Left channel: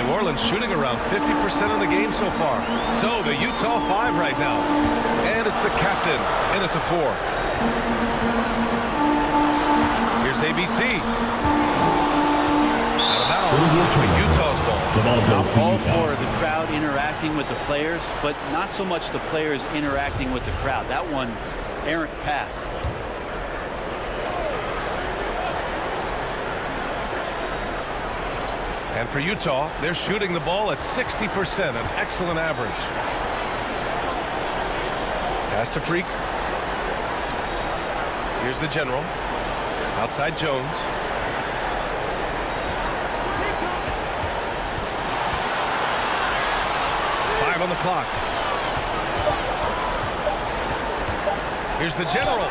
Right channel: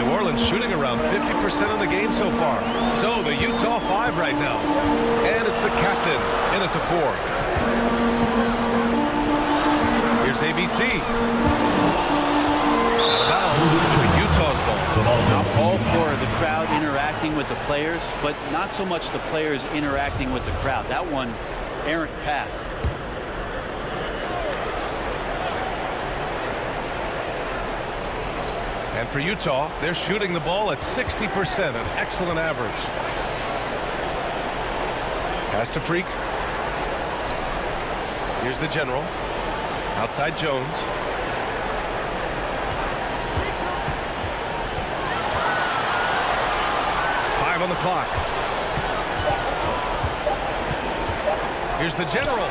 New Orleans shooting around 50% of the game so far. So the Utah 5 right now. And it's the captain in at the 4. Here's ABC. Out of bounds. Utah's ball. I'm all for the crowd interacting with the players, but not so much the players interacting with the crowd. That one, errant pass. And for Utah, they're shooting the ball at 60%, an excellent average. Pass to Freak. Here's the general. Outside Jones. On the clock. Here's the general.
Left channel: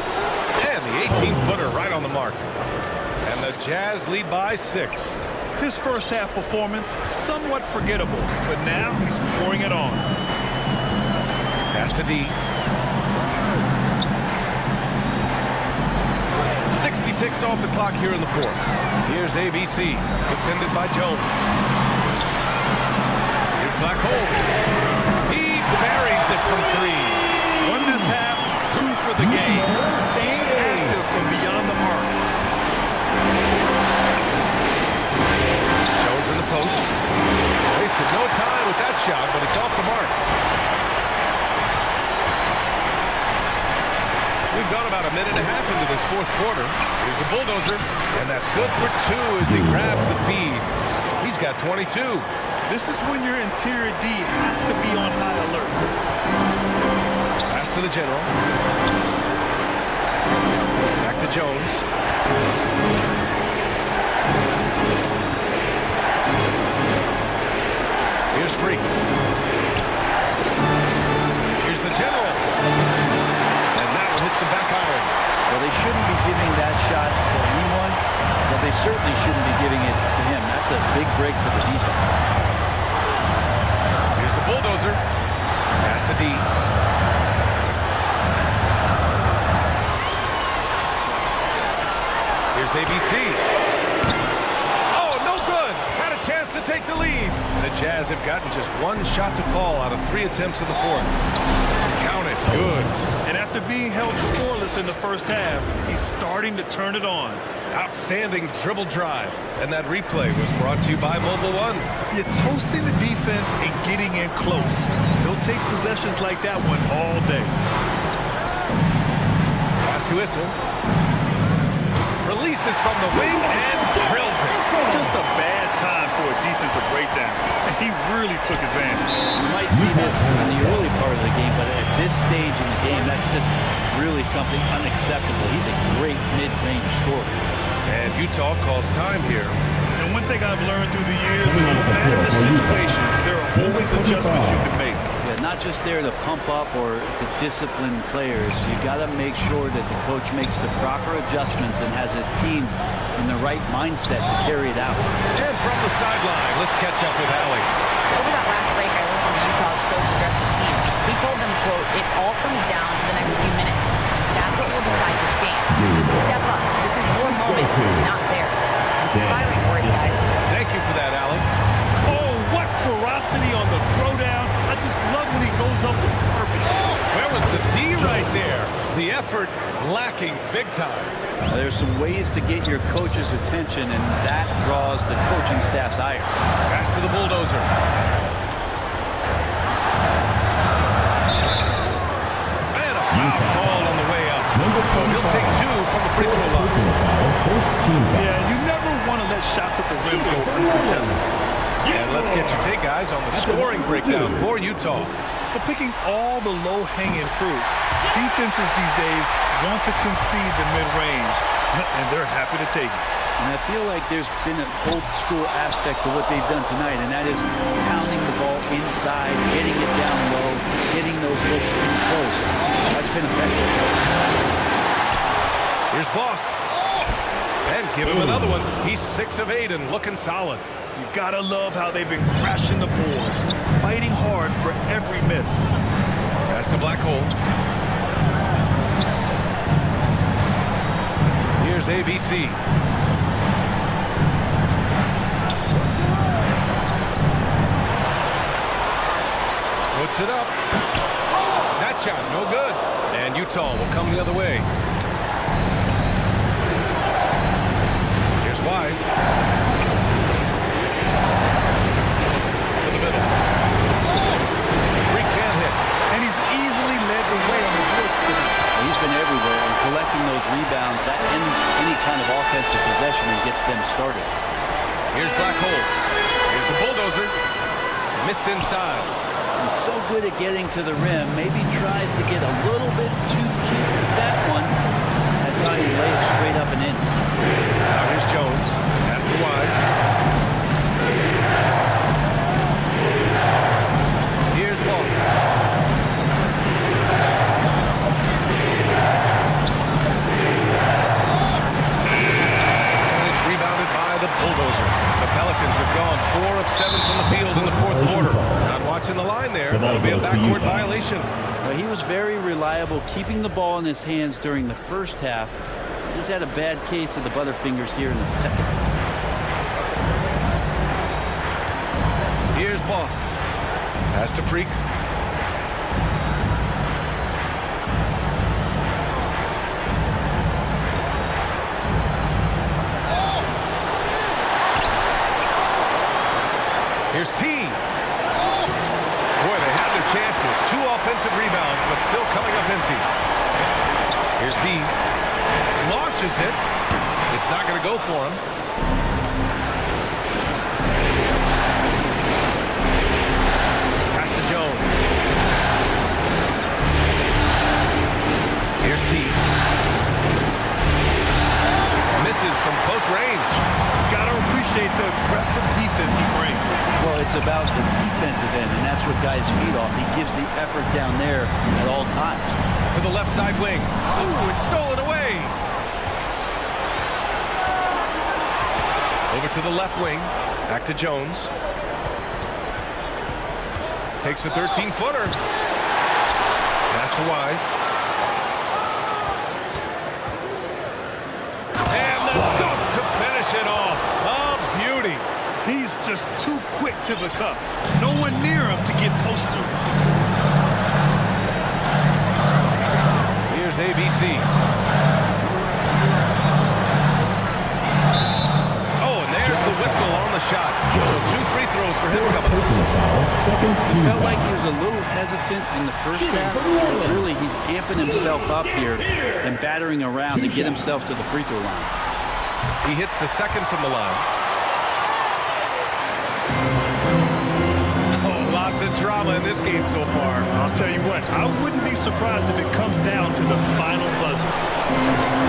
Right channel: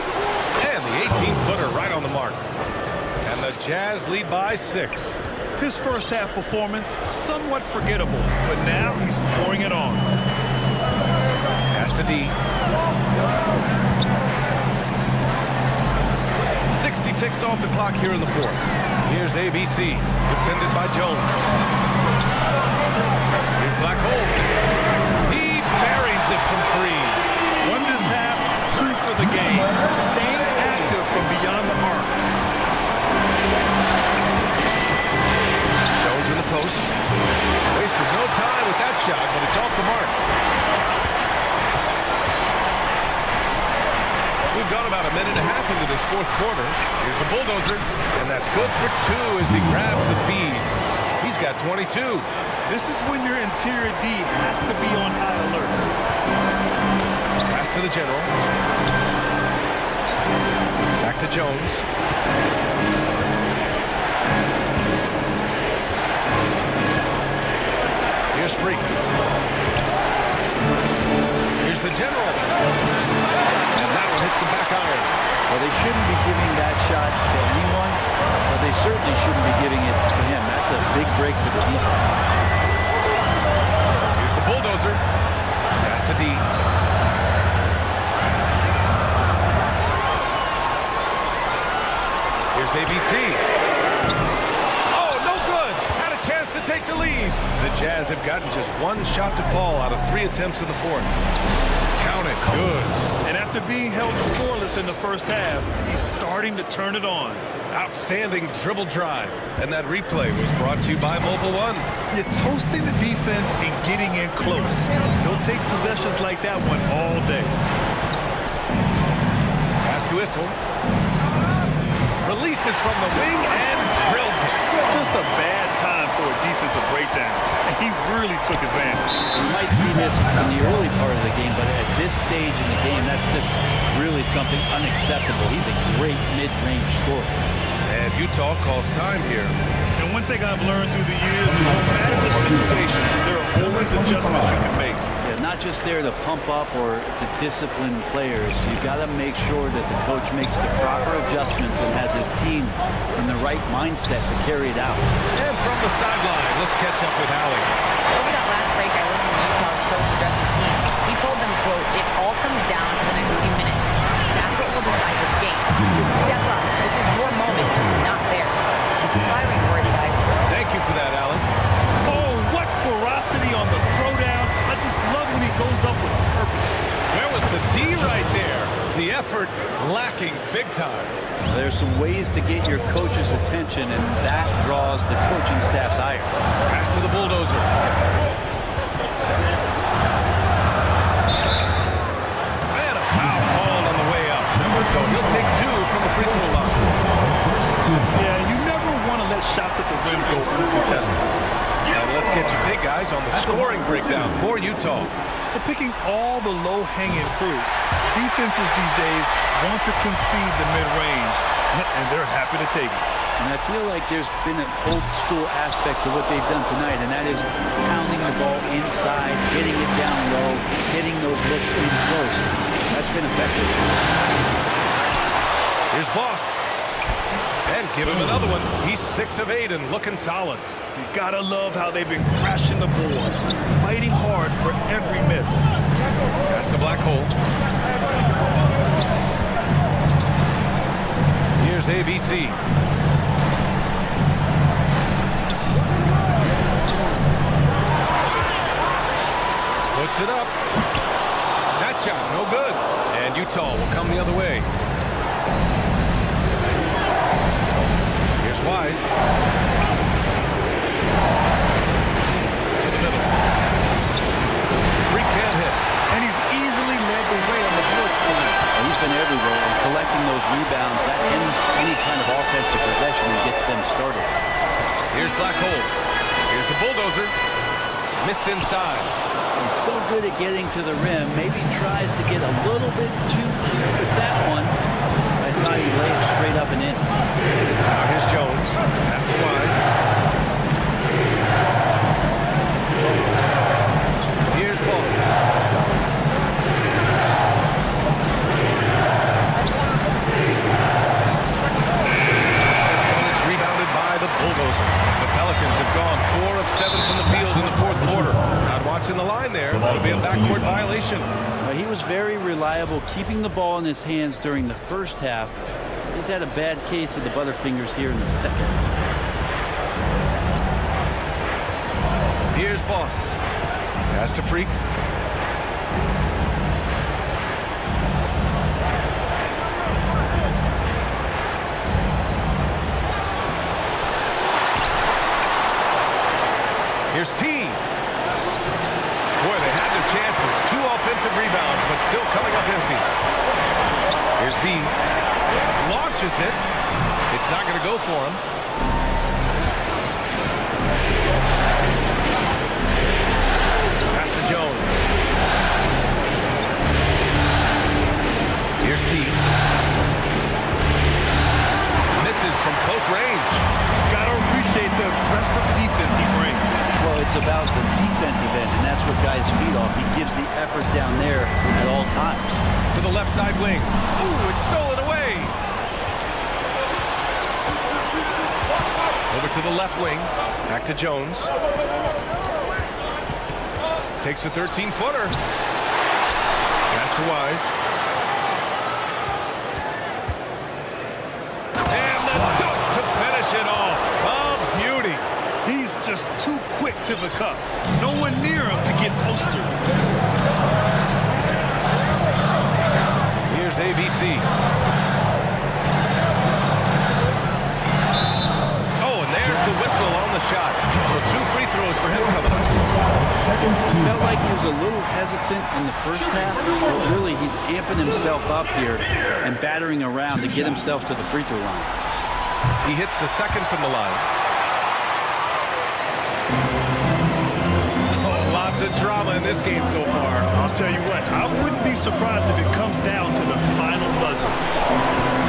And the 18-footer right on the mark. And the Jazz lead by 6. His first half performance, somewhat forgettable, but now he's pouring it on. Pass to D. 60 ticks off the clock here in the 4th. Here's ABC, defended by Jones. Here's Black Hole. He buries it from 3. Won this half, 2 for the game. Staying active from beyond the arc. Jones in the post. Wasted no time with that shot, but it's off the mark. We've gone about a minute and a half into this 4th quarter. Here's the bulldozer, and that's good for 2 as he grabs the feed. He's got 22. This is when your interior D has to be on high alert. Pass to the general. Back to Jones. Here's Freak. Here's the general. And that one hits the back iron. Well, they shouldn't be giving that shot to anyone, but they certainly shouldn't be giving it to him. That's a big break for the defense. Here's the bulldozer. Pass to D. Here's ABC. Oh, no good. Had a chance to take the lead. The Jazz have gotten just 1 shot to fall out of 3 attempts in the 4th. Count it. Good. And after being held scoreless in the first half, he's starting to turn it on. Outstanding dribble drive. And that replay was brought to you by Mobile One. You're toasting the defense and getting in close. They'll take possessions like that one all day. Pass to Issel. Releases from the wing and drills it. Just a bad time for a defensive breakdown. And he really took advantage. You might see this in the early part of the game, but at this stage in the game, that's just really something unacceptable. He's a great mid-range scorer. And Utah calls time here. And one thing I've learned through the years is no matter the situation, there are always adjustments you can make. Yeah, not just there to pump up or to discipline players. You got to make sure that the coach makes the proper adjustments and has his team in the right mindset to carry it out. And from the sideline, let's catch up with Allie. Over that last break, I listened to Utah's coach address his team. He told them, quote, "It all comes down to the next few minutes. That's what will decide this game. So step up. This is your moment, not theirs." Inspiring words, guys. Thank you for that, Allie. Oh, what ferocity on the throwdown. I just love when he goes up with purpose. Where was the D right there? The effort lacking big time. There's some ways to get your coach's attention, and that draws the coaching staff's ire. Pass to the bulldozer. And a foul called on the way up. So he'll take 2 from the free throw line. Yeah, you never want to let shots at the rim go uncontested. And let's get your take, guys, on the scoring breakdown for Utah. Well, picking all the low-hanging fruit, defenses these days want to concede the mid-range, and they're happy to take it. And I feel like there's been an old-school aspect to what they've done tonight, and that is pounding the ball inside, getting it down low, getting those looks in close. That's been effective. Here's Boss. And give him another one. He's 6 of 8 and looking solid. You gotta love how they've been crashing the boards, fighting hard for every miss. Pass to Black Hole. Here's ABC. Puts it up. That shot, no good. And Utah will come the other way. Here's Wise. To the middle. Freak can't hit. And he's easily led the way on the boards tonight. Well, he's been everywhere, and collecting those rebounds, that ends any kind of offensive possession and gets them started. Here's Black Hole. Here's the bulldozer. Missed inside. He's so good at getting to the rim. Maybe tries to get a little bit too cute with that one. I thought he'd lay it straight up and in. Now here's Jones. Pass to Wise. Here's Foss. And it's rebounded by the bulldozer. The Pelicans have gone 4 of 7 from the field in the fourth quarter. Not watching the line there. That'll be a backcourt violation. Well, he was very reliable, keeping the ball in his hands during the first half. He's had a bad case of the butterfingers here in the second. Here's Boss. Pass to Freak. Here's T. Boy, they had their chances. 2 offensive rebounds, but still coming up empty. Here's D. Launches it. It's not going to go for him. Pass to Jones. Here's T. Misses from close range. Gotta appreciate the aggressive defense he brings. Well, it's about the defensive end, and that's what guys feed off. He gives the effort down there at all times. To the left side wing. Ooh, it's stolen away. Over to the left wing. Back to Jones. Takes a 13-footer. Pass to Wise. And the dunk to finish it off. A beauty. He's just too quick to the cup. No one near him to get posted. Here's ABC. Oh, and there's the whistle on the shot. So 2 free throws for him coming up. Felt like he was a little hesitant in the first half, but really he's amping himself up here and battering around to get himself to the free throw line. He hits the second from the line. Oh, lots of drama in this game so far. I'll tell you what, I wouldn't be surprised if it comes down to the final buzzer.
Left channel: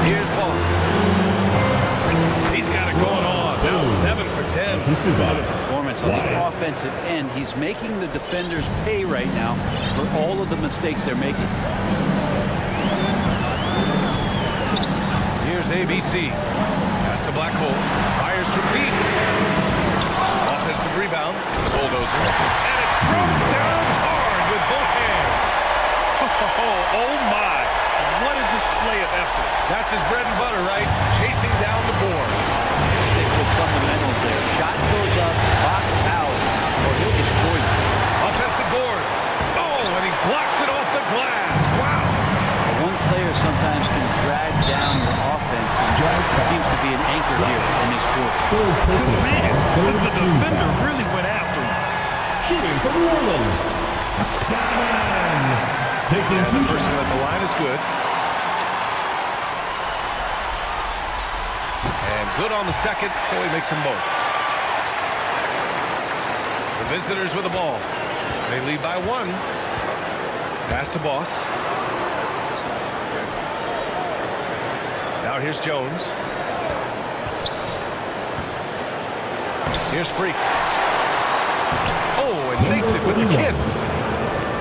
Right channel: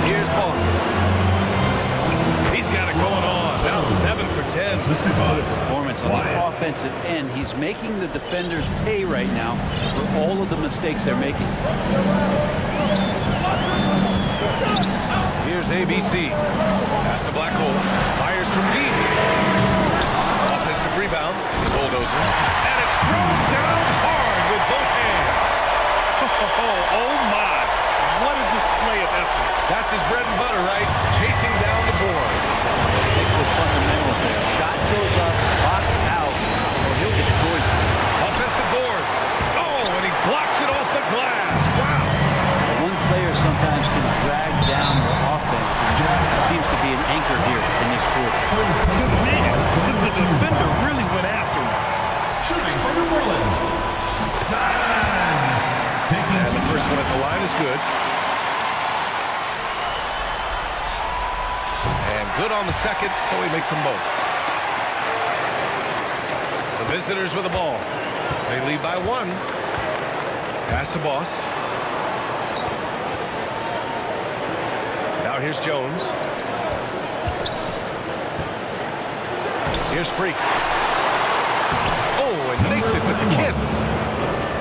Here's Boss. He's got it going on. Now 7 for 10. What a performance on the offensive end. He's making the defenders pay right now for all of the mistakes they're making. Here's ABC. Pass to Black Hole. Fires from deep. Offensive rebound. Bulldozer. And it's thrown down hard with both hands. Oh my. What a display of effort. That's his bread and butter, right? Chasing down the boards. Stick with fundamentals there. Shot goes up, box out, or he'll destroy you. Offensive board. Oh, and he blocks it off the glass. Wow. One player sometimes can drag down your offense, and he seems to be an anchor here in this quarter. Man, the defender really went after him. Shooting for New Orleans, Simon. Taking And the first one at the line is good. And good on the second, so he makes them both. The visitors with the ball. They lead by 1. Pass to Boss. Now here's Jones. Here's Freak. Oh, and makes it with the kiss.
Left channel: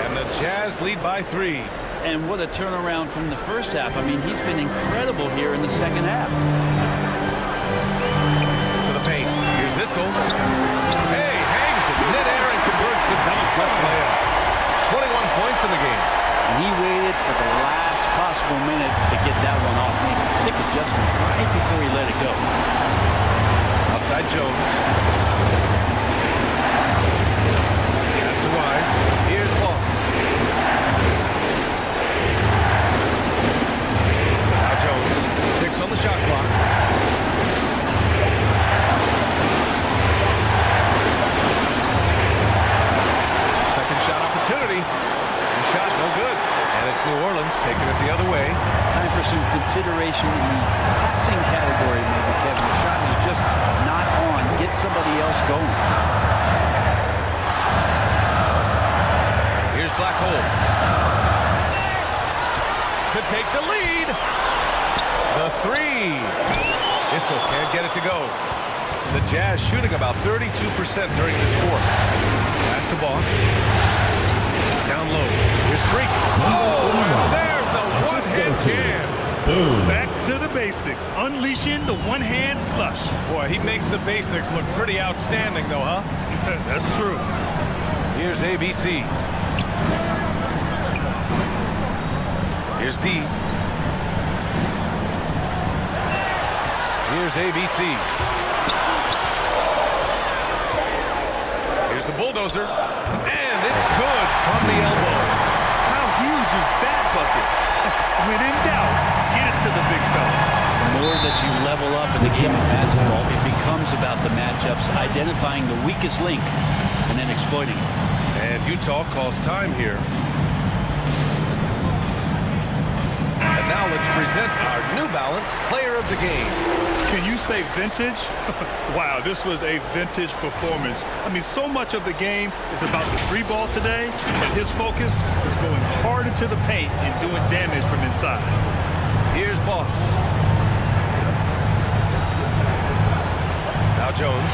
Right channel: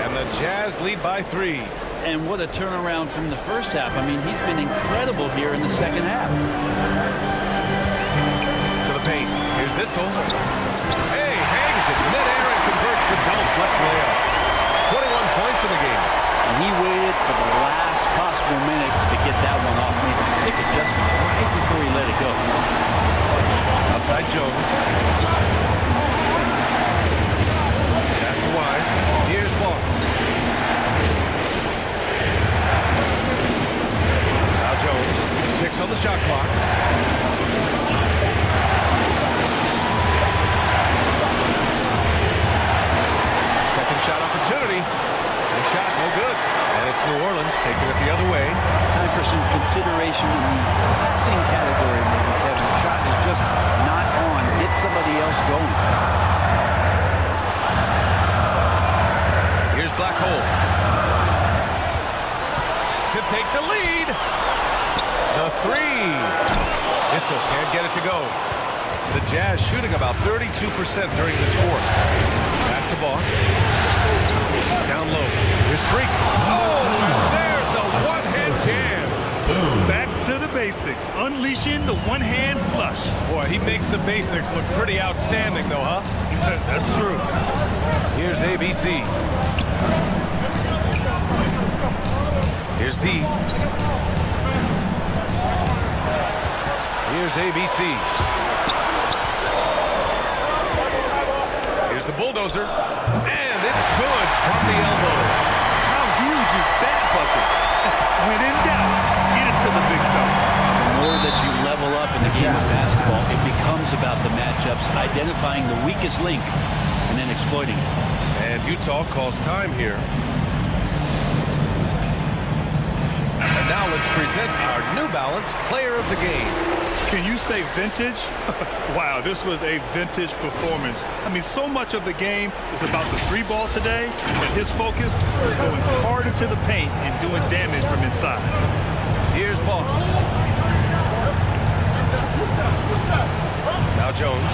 And the Jazz lead by 3. And what a turnaround from the first half. I mean, he's been incredible here in the second half. To the paint. Here's Issel. Hey, hangs it midair and converts the double clutch layup. 21 points in the game. And he waited for the last possible minute to get that one off. Made a sick adjustment right before he let it go. Outside Jones. Pass to Wise. Here's Boss. Now Jones. 6 on the shot clock. Second shot opportunity. The shot no good. And it's New Orleans taking it the other way. Time for some consideration in the passing category, maybe, Kevin. The shot is just not on. Get somebody else going. Here's Black Hole. To take the lead. The three. Issel can't get it to go. The Jazz shooting about 32% during this fourth. Pass to Boss. Down low. Here's Freak. Oh, and there's a one-hand jam. Back to the basics. Unleashing the one-hand flush. Boy, he makes the basics look pretty outstanding, though, huh? That's true. Here's ABC. Here's D. Here's ABC. Here's the bulldozer. And it's good from the elbow. How huge is that bucket? When in doubt, get it to the big fella. The more that you level up in the game of basketball, it becomes about the matchups, identifying the weakest link, and then exploiting it. And Utah calls time here. And now let's present our New Balance Player of the Game. Can you say vintage? Wow, this was a vintage performance. I mean, so much of the game is about the three ball today, and his focus is going hard into the paint and doing damage from inside. Here's Boss. Now Jones.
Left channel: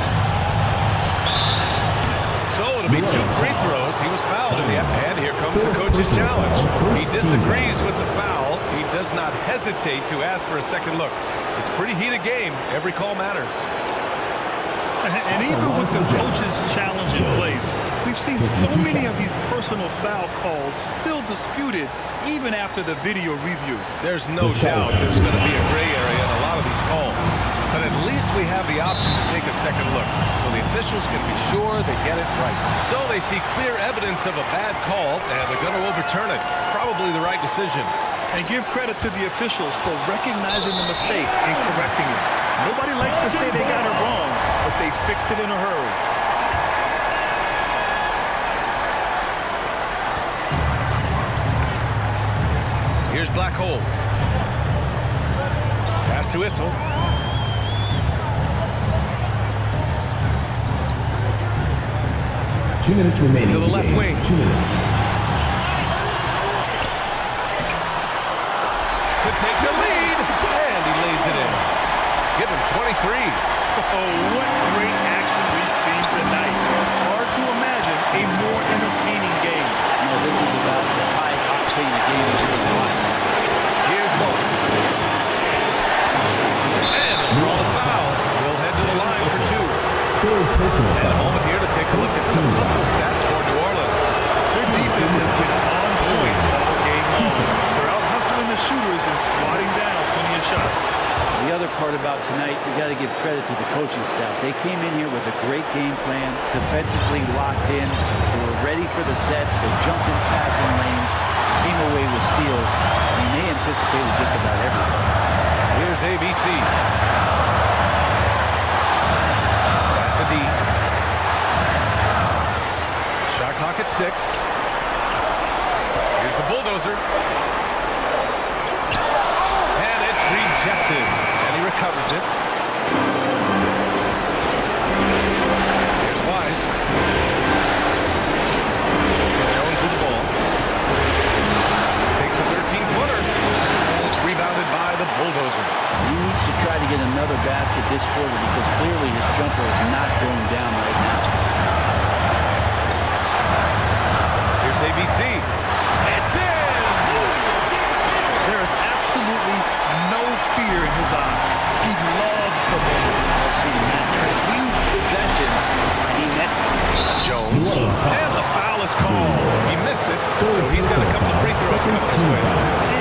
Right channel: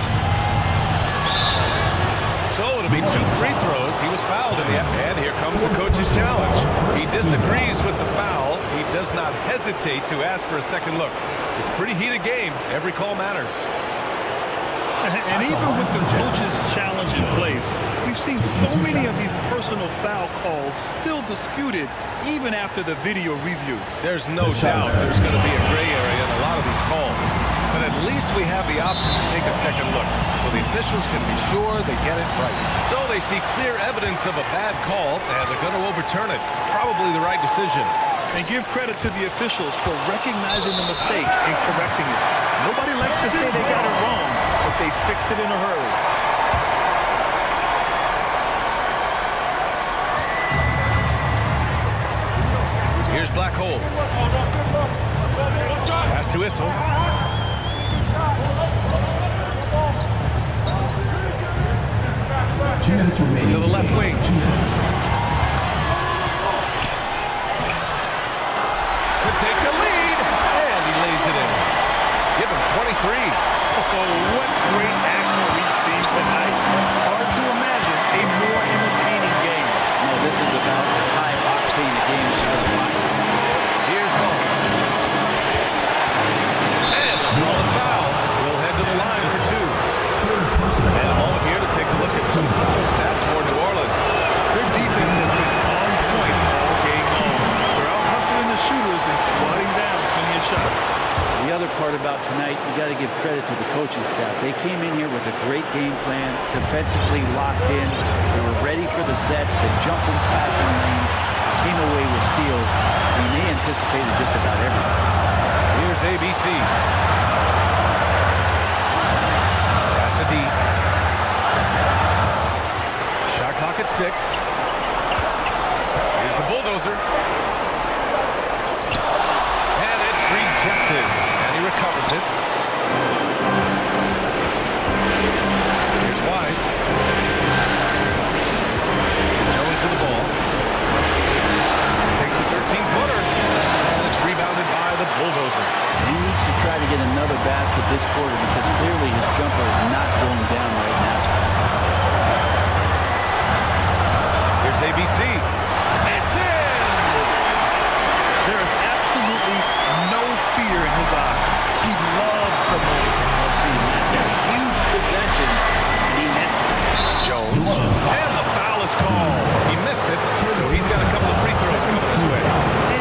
So it'll be 2 free throws. He was fouled in the and here comes the coach's challenge. He disagrees with the foul. He does not hesitate to ask for a second look. It's a pretty heated game. Every call matters. And even with the coach's challenge in place, we've seen so many of these personal foul calls still disputed even after the video review. There's no doubt there's going to be a gray area in a lot of these calls. But at least we have the option to take a second look, so the officials can be sure they get it right. So they see clear evidence of a bad call, and they're going to overturn it. Probably the right decision. And give credit to the officials for recognizing the mistake and correcting it. Nobody likes to say they got it wrong, but they fixed it in a hurry. Here's Black Hole. Pass to Issel. 2 minutes remaining. To the left wing. 2 minutes. To take the lead, and he lays it in. Give him 23. Oh, what great action we've seen tonight. Hard to imagine a more entertaining game. No, this is about as high-octane a game as you're going to find. Here's Boss. And he'll draw the foul. He'll head to the line for 2. And a moment here to take a look at some hustle stats for New Orleans. Their defense has been on point all game long. They're out hustling the shooters and swatting down plenty of shots. The other part about tonight, you got to give credit to the coaching staff. They came in here with a great game plan, defensively locked in. They were ready for the sets. They jumped in passing lanes, came away with steals. I mean, they anticipated just about everything. Here's ABC. Pass to D. Shot clock at 6. Here's the bulldozer. And it's rejected. And he recovers it. Here's Wise. Jones with the ball. Takes a 13-footer. And it's rebounded by the bulldozer. He needs to try to get another basket this quarter because clearly his jumper is not going down right now. Here's ABC. It's in! There is absolutely no fear in his eyes. He loves the moment. I've seen that there. Huge possession, and he nets it. Jones. And the foul is called. He missed it, so he's got a couple of free throws coming his way.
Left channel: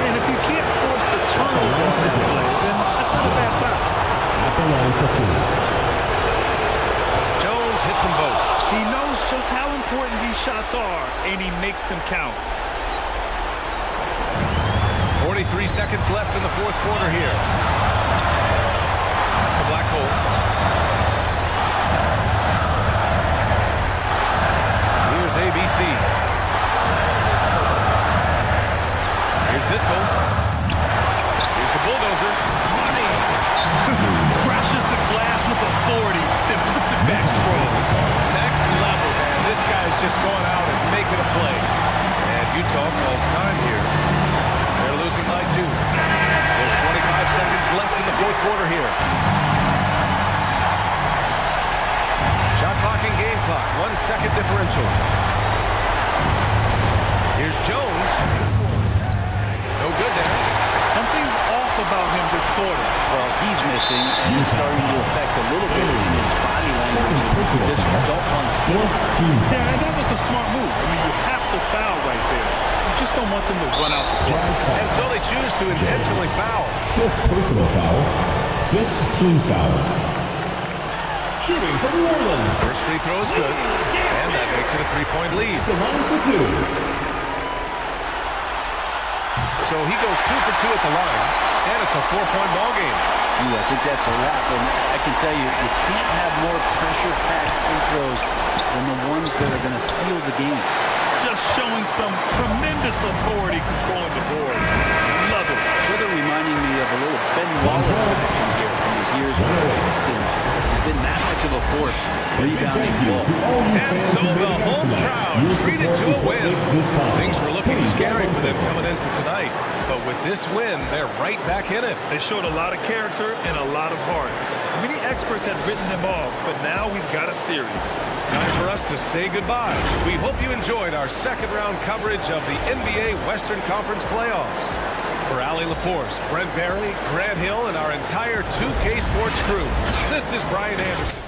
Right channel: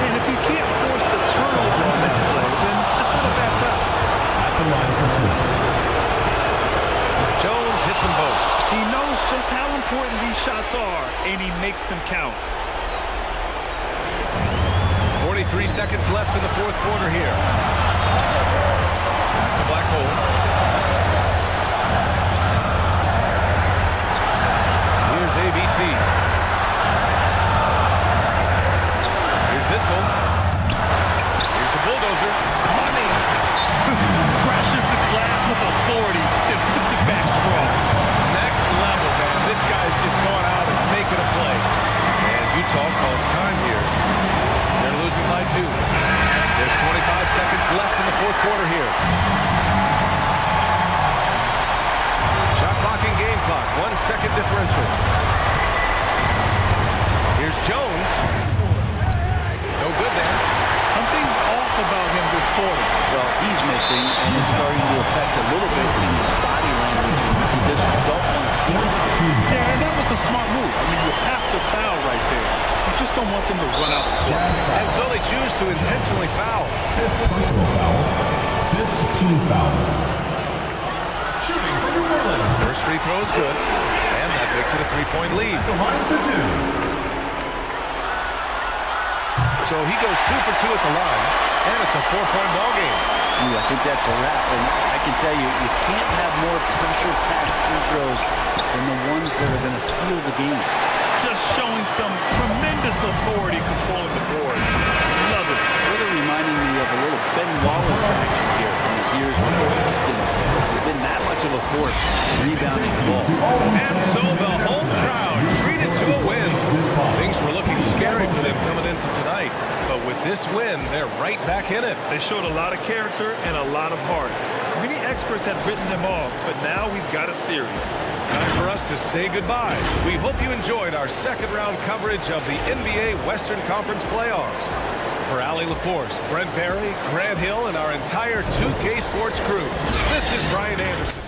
And if you can't force the turnover on that play, then that's not a bad foul. At the line for 2. Jones hits them both. He knows just how important these shots are, and he makes them count. 43 seconds left in the fourth quarter here. Pass to Black Hole. Here's ABC. Here's Zissel. Here's the bulldozer. Money! Crashes the glass with authority, then puts it back strong. Next level, man. This guy's just going out and making a play. And Utah calls time here. They're losing by 2. There's 25 seconds left in the fourth quarter here. Shot clock and game clock. 1 second differential. Here's Jones. No good there. Something's off about him this quarter. Well, he's missing, and it's starting to affect a little bit in his body language. And you just don't want to see it. Yeah, and that was a smart move. I mean, you have to foul right there. You just don't want them to run out the clock. And so they choose to intentionally foul. 5th personal foul. 5th team foul. Shooting for New Orleans. First free throw is good, and that makes it a 3-point lead. The line for 2. So he goes 2 for 2 at the line, and it's a 4-point ball game. Ooh, I think that's a wrap, and I can tell you, you can't have more pressure-packed free throws than the ones that are going to seal the game. Just showing some tremendous authority controlling the boards. Love it. Further reminding me of a little Ben Wallace action here from his years with the Pistons. He's been that much of a force rebounding the ball. And so the home crowd treated to a win. Things were looking scary for them coming into tonight, but with this win, they're right back in it. They showed a lot of character and a lot of heart. Many experts had written them off, but now we've got a series. Time for us to say goodbye. We hope you enjoyed our second-round coverage of the NBA Western Conference playoffs. For Allie LaForce, Brent Barry, Grant Hill, and our entire 2K Sports crew, this is Brian Anderson.